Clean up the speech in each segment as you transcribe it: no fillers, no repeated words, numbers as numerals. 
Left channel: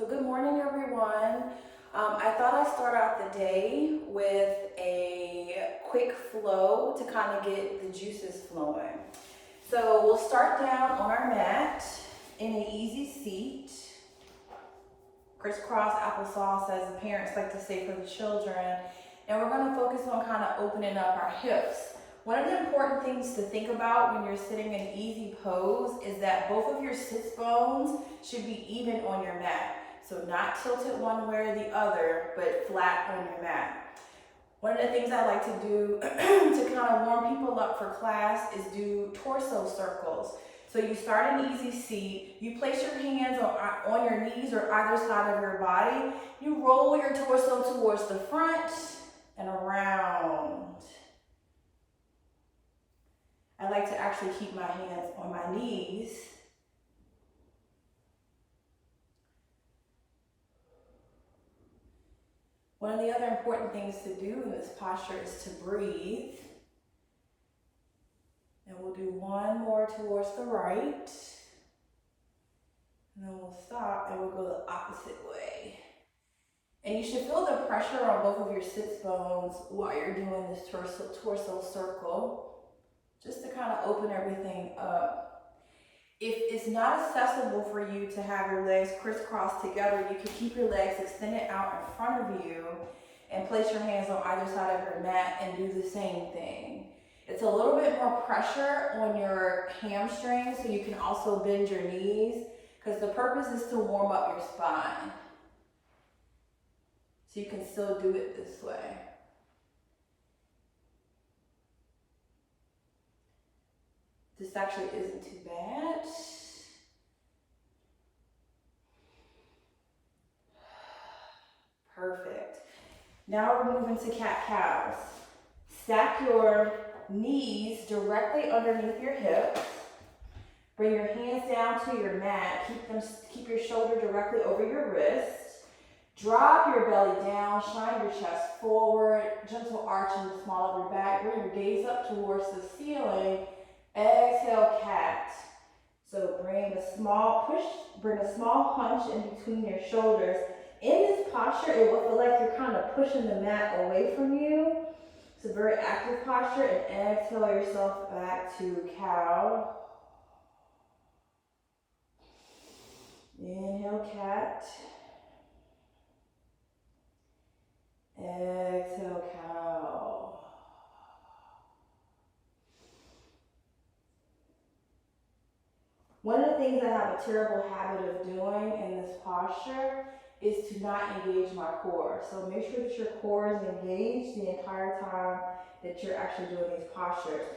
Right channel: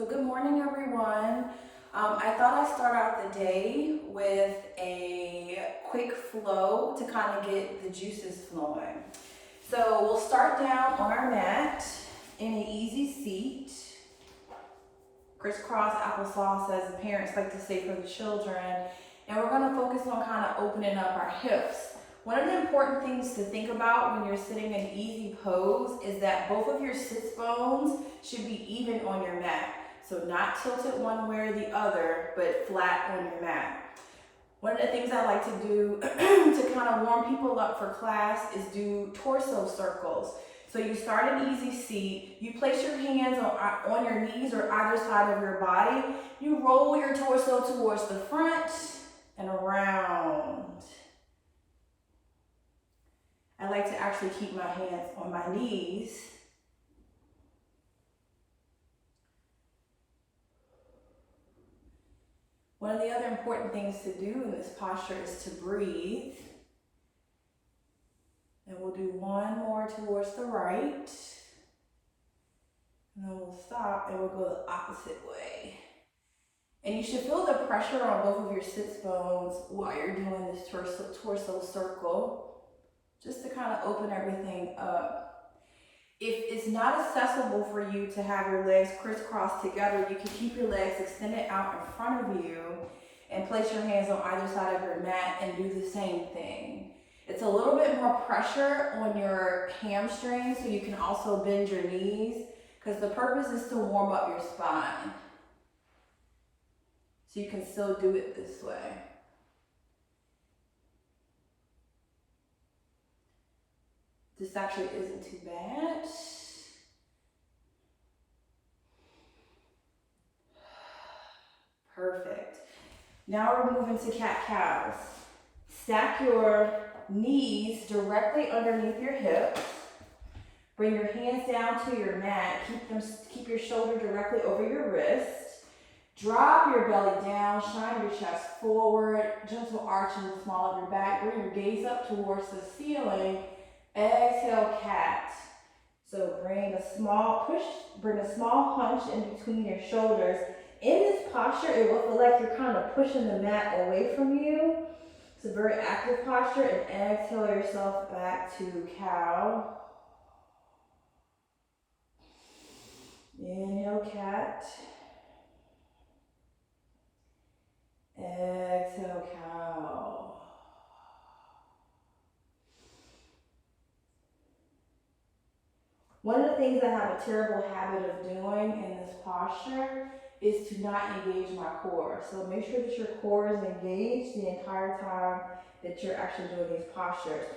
So good morning, everyone. I thought I'd start out the day with a quick flow to kind of get the juices flowing. So we'll start down on our mat in an easy seat. Crisscross applesauce, as the parents like to say for the children. And we're going to focus on kind of opening up our hips. One of the important things to think about when you're sitting in an easy pose is that both of your sits bones should be even on your mat. So not tilted one way or the other, but flat on your mat. One of the things I like to do to kind of warm people up for class is do torso circles. So you start an easy seat, you place your hands on your knees or either side of your body, you roll your torso towards the front and around. I like to actually keep my hands on my knees. One of the other important things to do in this posture is to breathe. And we'll do one more towards the right. And then we'll stop and we'll go the opposite way. And you should feel the pressure on both of your sits bones while you're doing this torso circle, just to kind of open everything up. If it's not accessible for you to have your legs crisscross together, you can keep your legs extended out in front of you and place your hands on either side of your mat and do the same thing. It's a little bit more pressure on your hamstrings, so you can also bend your knees, because the purpose is to warm up your spine. So you can still do it this way. This actually isn't too bad. Perfect. Now we're moving to cat-cows. Stack your knees directly underneath your hips. Bring your hands down to your mat. Keep your shoulder directly over your wrist. Drop your belly down, shine your chest forward, gentle arch in the small of your back. Bring your gaze up towards the ceiling. Exhale, cat. So bring a small hunch in between your shoulders. In this posture, it will feel like you're kind of pushing the mat away from you. It's a very active posture, and exhale yourself back to cow. Inhale, cat. Exhale, cow. One of the things I have a terrible habit of doing in this posture is to not engage my core. So make sure that your core is engaged the entire time that you're actually doing these postures.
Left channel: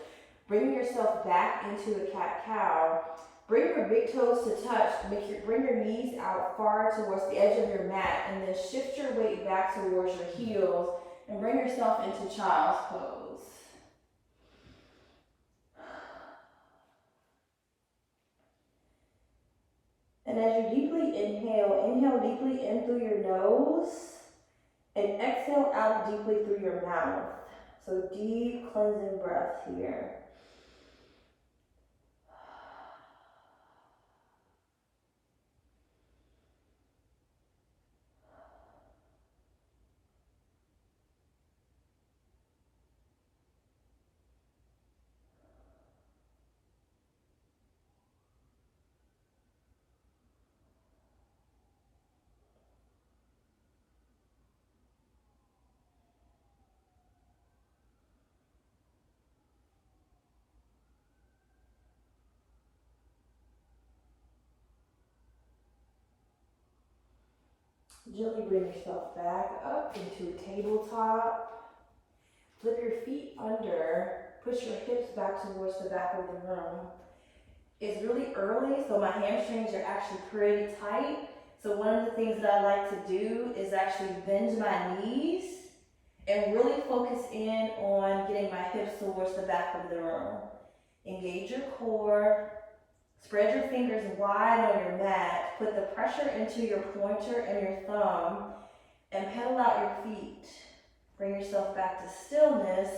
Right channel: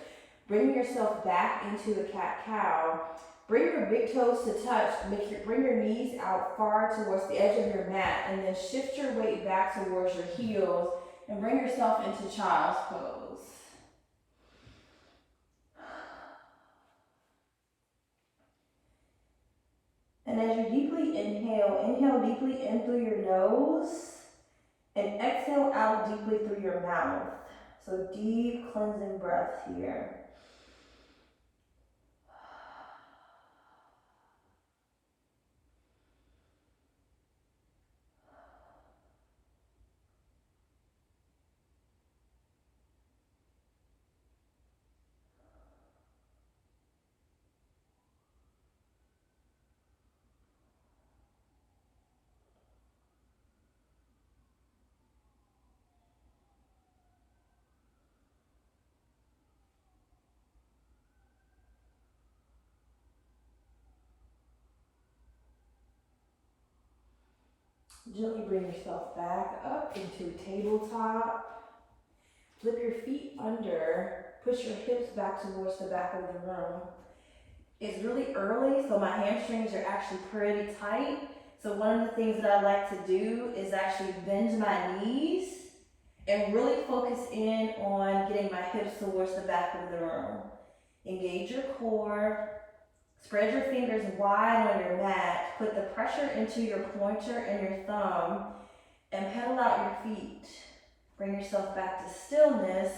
Bring yourself back into the cat-cow. Bring your big toes to touch. Bring your knees out far towards the edge of your mat, and then shift your weight back towards your heels and bring yourself into child's pose. And as you deeply inhale deeply in through your nose and exhale out deeply through your mouth. So deep cleansing breath here. Gently bring yourself back up into tabletop. Flip your feet under. Push your hips back towards the back of the room. It's really early, so my hamstrings are actually pretty tight. So one of the things that I like to do is actually bend my knees and really focus in on getting my hips towards the back of the room. Engage your core. Spread your fingers wide on your mat. Put the pressure into your pointer and your thumb and pedal out your feet. Bring yourself back to stillness.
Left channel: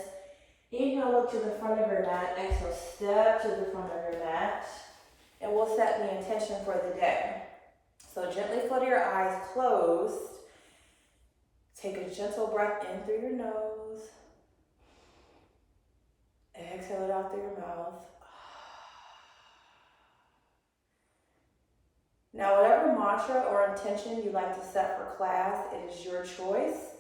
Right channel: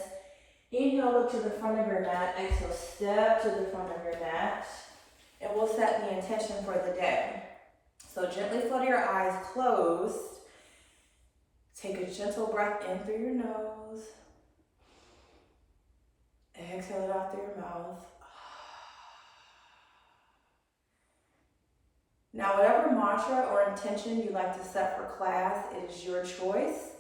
Inhale, look to the front of your mat. Exhale, step to the front of your mat. And we'll set the intention for the day. So gently flutter your eyes closed. Take a gentle breath in through your nose. Exhale it out through your mouth. Now, whatever mantra or intention you like to set for class, it is your choice.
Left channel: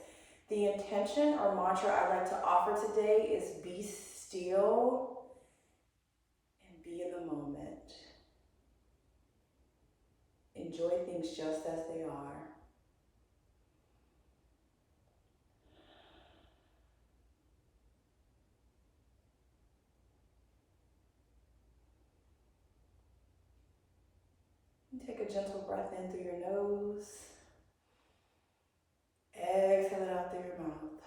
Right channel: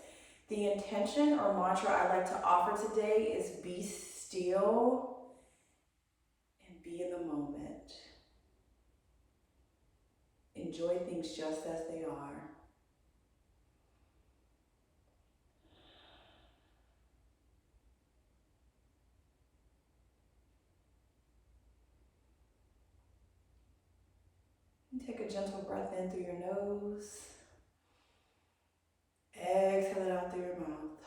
The intention or mantra I like to offer today is be still and be in the moment. Enjoy things just as they are. And take a gentle breath in through your nose. Exhale it out through your mouth.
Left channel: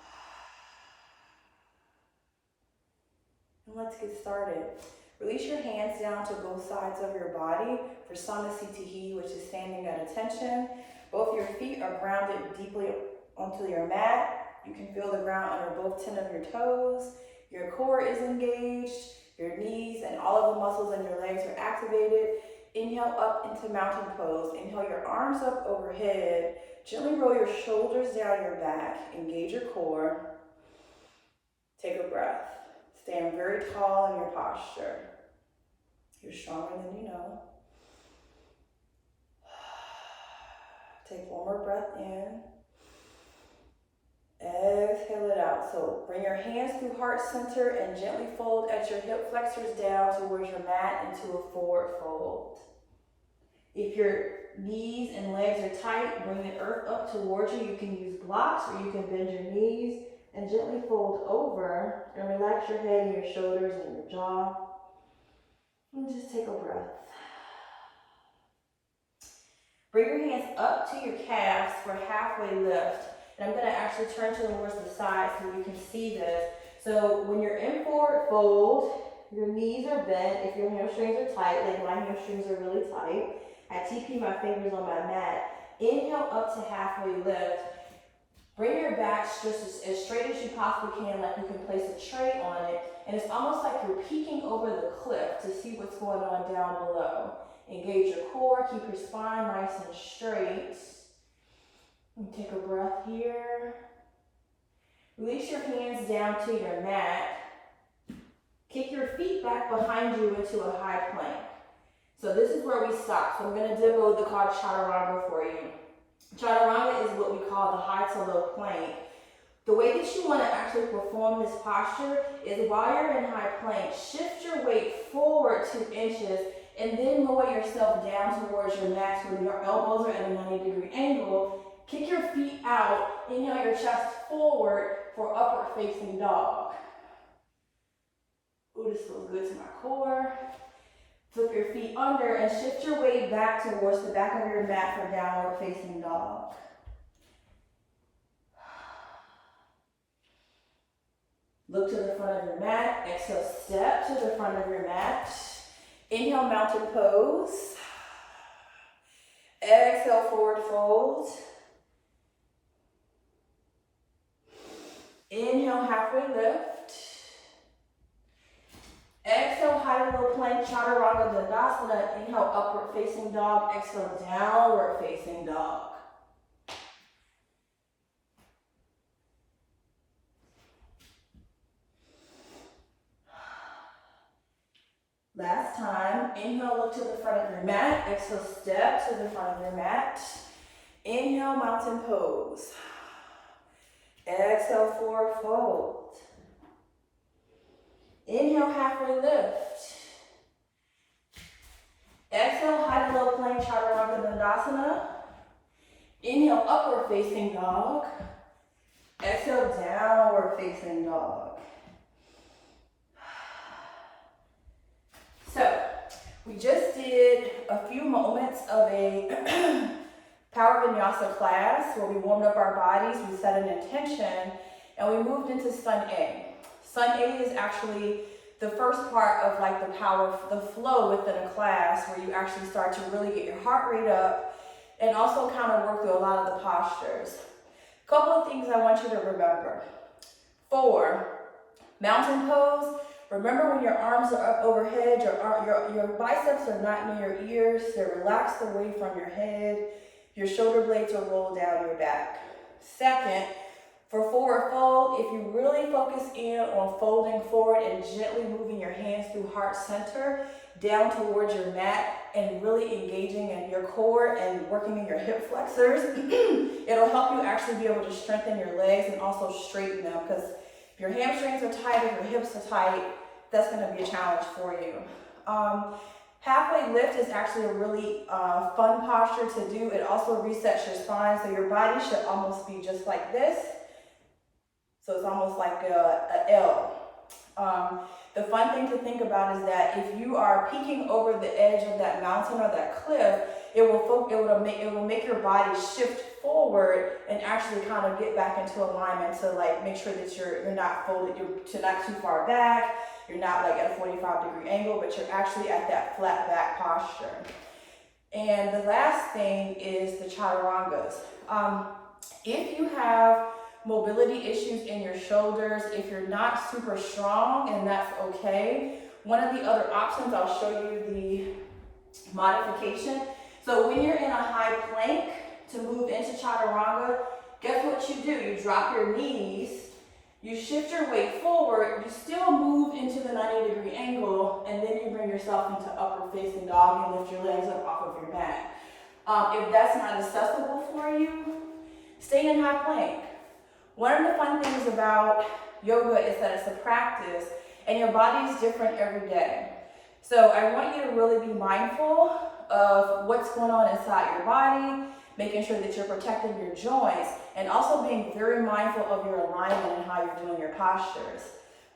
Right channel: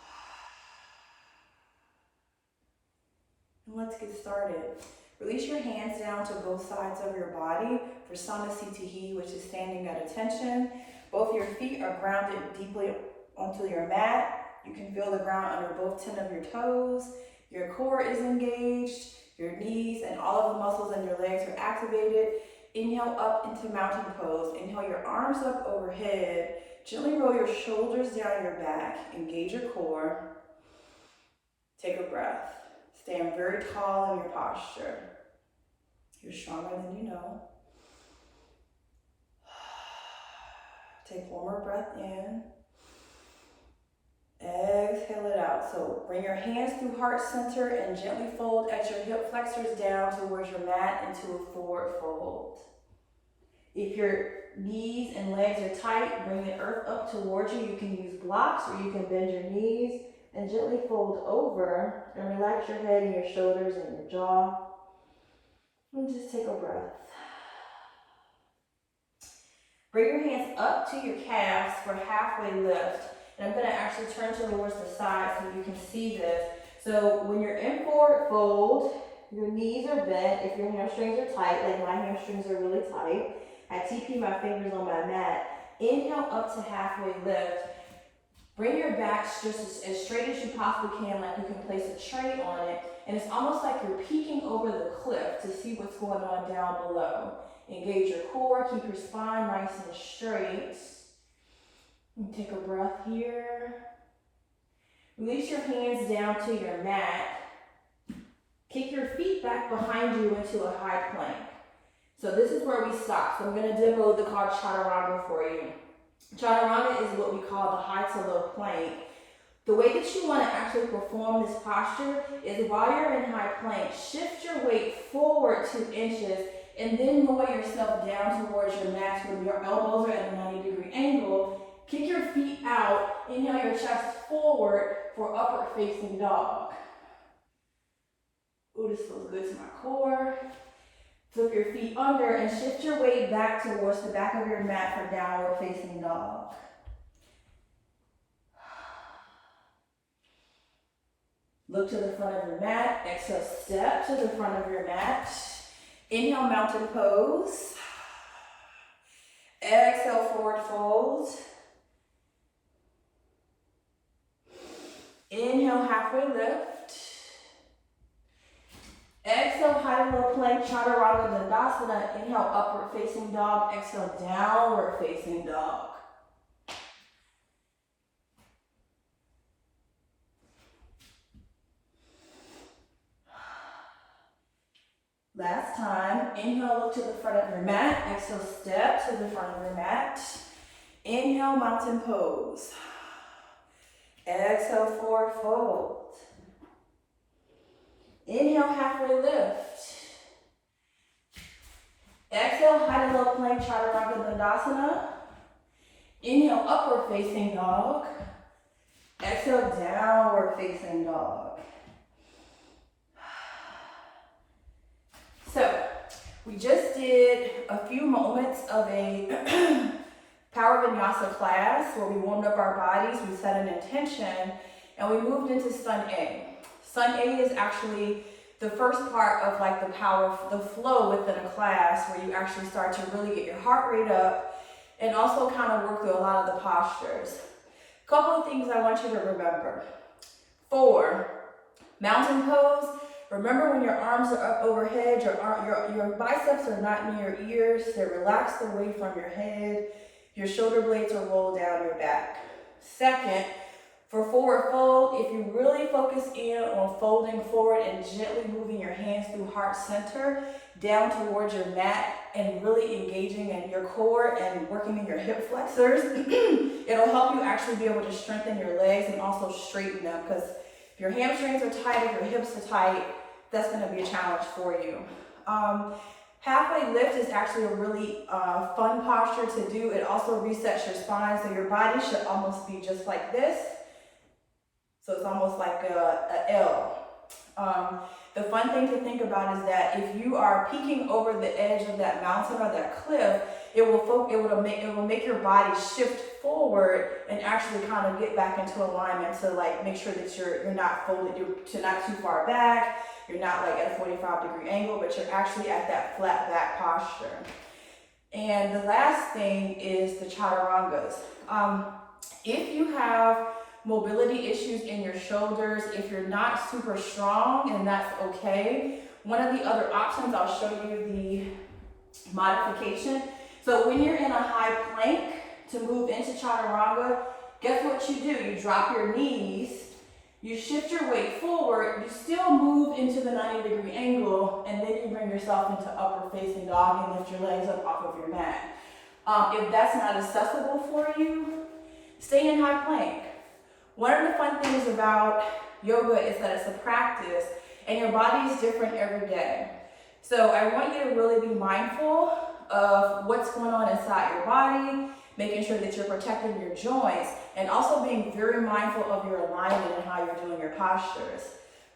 And let's get started. Release your hands down to both sides of your body for Samasthiti, which is standing at attention. Both your feet are grounded deeply onto your mat. You can feel the ground under both 10 of your toes. Your core is engaged. Your knees and all of the muscles in your legs are activated. Inhale up into mountain pose. Inhale your arms up overhead. Gently roll your shoulders down your back. Engage your core. Take a breath. Stand very tall in your posture. You're stronger than you know. Take one more breath in. Exhale it out. So bring your hands through heart center and gently fold at your hip flexors down towards your mat into a forward fold. If your knees and legs are tight, bring the earth up towards you. You can use blocks or you can bend your knees and gently fold over and relax your head and your shoulders and your jaw. And just take a breath. Bring your hands up to your calves for halfway lift. And I'm going to actually turn towards the side so you can see this. So when you're in forward fold, your knees are bent. If your hamstrings are tight, like my hamstrings are really tight, I TP my fingers on my mat. Inhale up to halfway lift. Bring your back just as straight as you possibly can, like you can place a tray on it. And it's almost like you're peeking over the cliff to see what's going on down below. Engage your core, keep your spine nice and straight. And take a breath here. Release your hands down to your mat. Kick your feet back behind you into a high plank. So this is where we stop. So I'm going to demo the called chaturanga for you. Chaturanga is what we call the high to low plank. The way that you want to actually perform this posture is while you're in high plank, shift your weight forward 2 inches and then lower yourself down towards your max where your elbows are at a 90-degree angle. Kick your feet out, inhale your chest forward for upward facing dog. Ooh, this feels good to my core. Flip your feet under and shift your weight back towards the back of your mat for downward facing dog. Look to the front of your mat. Exhale, step to the front of your mat. Inhale, mountain pose. Exhale, forward fold. Inhale, halfway lift. Exhale, high and low plank, chaturanga dandasana. Inhale, upward facing dog. Exhale, downward facing dog. Last time, inhale, look to the front of your mat. Exhale, step to the front of your mat. Inhale, mountain pose. Exhale, forward fold. Inhale, halfway lift. Exhale, high and low plank, chaturanga dandasana. Inhale, upward facing dog. Exhale, downward facing dog. So, we just did a few moments of a power vinyasa class where we warmed up our bodies, we set an intention, and we moved into Sun A. Sun A is actually the first part of like the flow within a class where you actually start to really get your heart rate up and also kind of work through a lot of the postures. A couple of things I want you to remember. 4, mountain pose. Remember, when your arms are up overhead, your biceps are not near your ears. They're relaxed away from your head. Your shoulder blades are rolled down your back. Second, for forward fold, if you really focus in on folding forward and gently moving your hands through heart center down towards your mat and really engaging in your core and working in your hip flexors, it'll help you actually be able to strengthen your legs and also straighten them, because if your hamstrings are tight, if your hips are tight, that's going to be a challenge for you. Halfway lift is actually a really fun posture to do. It also resets your spine, so your body should almost be just like this. So it's almost like a L. The fun thing to think about is that if you are peeking over the edge of that mountain or that cliff, it will make your body shift forward and actually kind of get back into alignment to like make sure that you're not folded, you're not too far back, you're not like at a 45-degree angle, but you're actually at that flat back posture. And the last thing is the chaturangas. If you have mobility issues in your shoulders, if you're not super strong, and that's okay, one of the other options, I'll show you the modification. So when you're in a high plank to move into chaturanga, guess what you do? You drop your knees, you shift your weight forward, you still move into the 90-degree angle, and then you bring yourself into upward facing dog and lift your legs up off of your mat. If that's not accessible for you, stay in high plank. One of the fun things about yoga is that it's a practice and your body is different every day. So I want you to really be mindful of what's going on inside your body, making sure that you're protecting your joints, and also being very mindful of your alignment and how you're doing your postures.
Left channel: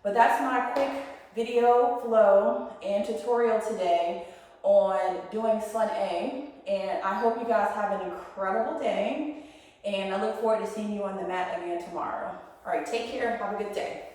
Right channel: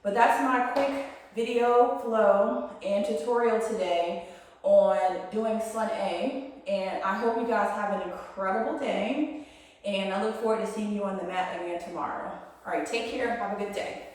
But that's my quick video flow and tutorial today on doing Sun A. And I hope you guys have an incredible day. And I look forward to seeing you on the mat again tomorrow. All right, take care. Have a good day.